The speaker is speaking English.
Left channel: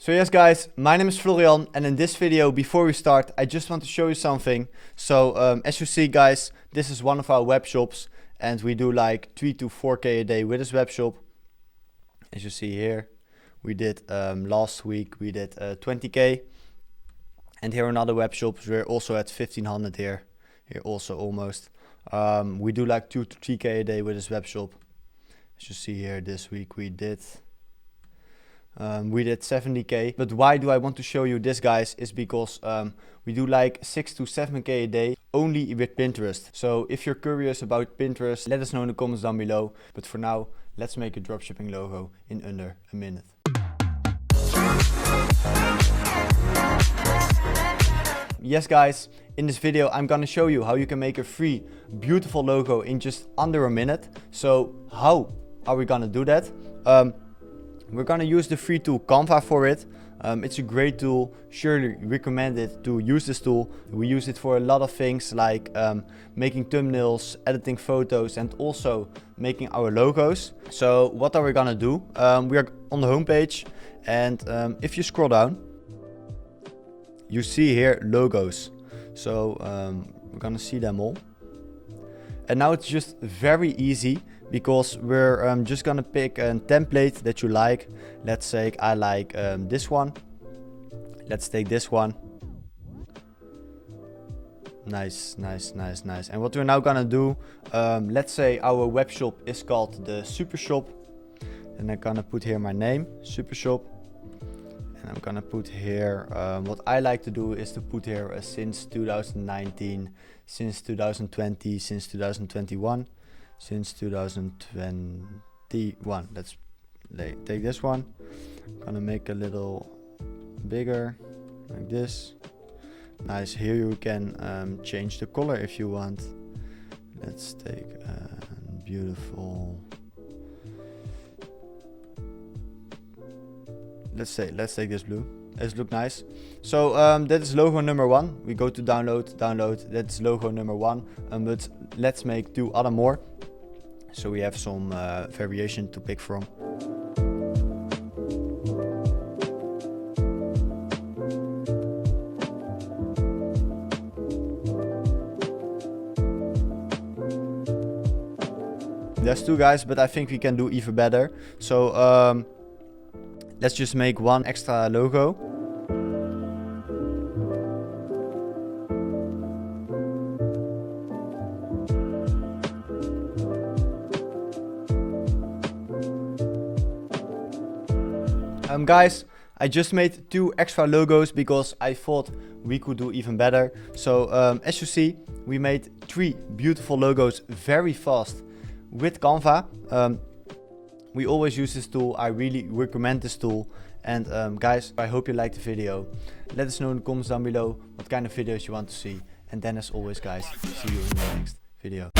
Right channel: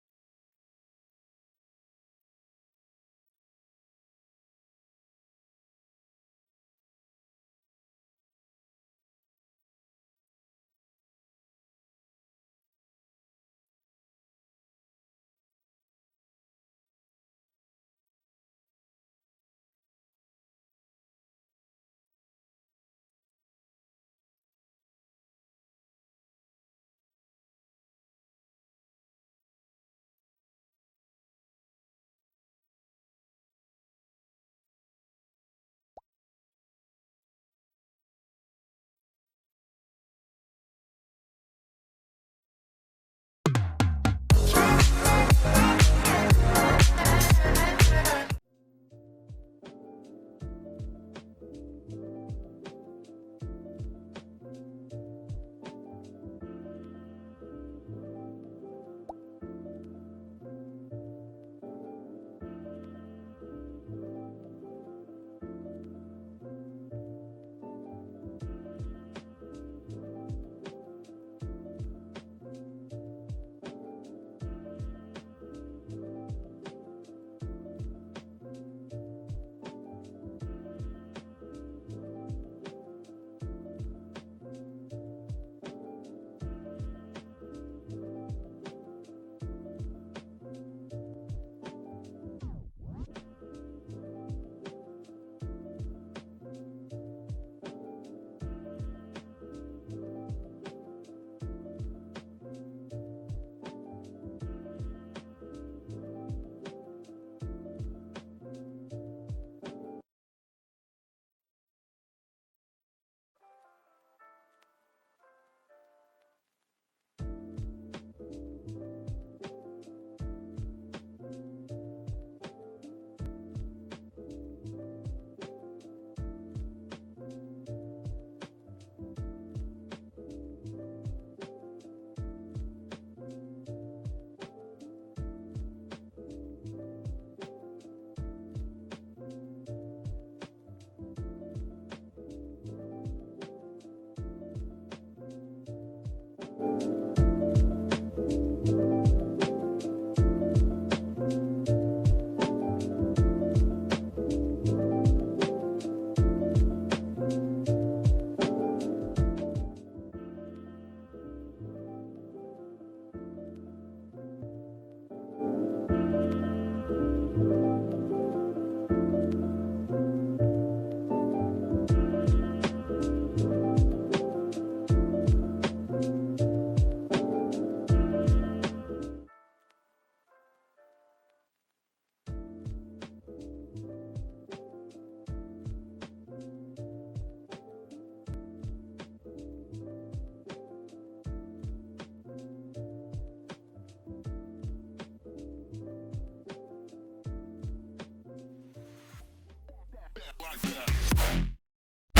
So yes guys, my name is Florian, and in this video, before we start, I just want to show you something. So as you see guys, this is one of our web shops, and we do like 3 to 4k a day with this web shop. As you see here, we did last week we did 20k, and here another web shops we're also at 1500 here also almost. We do like 2 to 3k a day with this web shop. As you see here, this week we did 70k. But why do I want to show you this guys is because we do like 6 to 7k a day only with Pinterest. So if you're curious about Pinterest, let us know in the comments down below. But for now, let's make a dropshipping logo in under a minute. Yes guys, in this video I'm gonna show you how you can make a free beautiful logo in just under a minute. So how are we gonna do that? We're gonna use the free tool Canva for it. It's a great tool, surely recommend it to use this tool. We use it for a lot of things like making thumbnails, editing photos, and also making our logos. So what are we gonna do? We are on the homepage, and if you scroll down, you see here logos. So we're gonna see them all. And now it's just very easy, because we're just gonna pick a template that you like. Let's say I like this one. Let's take this one. Nice. And what we're now gonna do, let's say our web shop is called the Super Shop, and I'm gonna put here my name, Super Shop. And I'm gonna put here, what I like to do is to put here since 2019, since 2020, since 2021. Since 2021. Let's take this one. I'm gonna make a little bigger like this. Nice. Here you can change the color if you want. Let's take beautiful. Let's take this blue. Let's look nice. So that is logo number 1. We go to download. That's logo number 1. But let's make 2 other more, so we have some variation to pick from. There's 2 guys, but I think we can do even better. So let's just make 1 extra logo. Guys, I just made 2 extra logos because I thought we could do even better. So as you see, we made 3 beautiful logos very fast with Canva. We always use this tool. I really recommend this tool. And guys, I hope you liked the video. Let us know in the comments down below what kind of videos you want to see. And then as always guys, see you in the next video.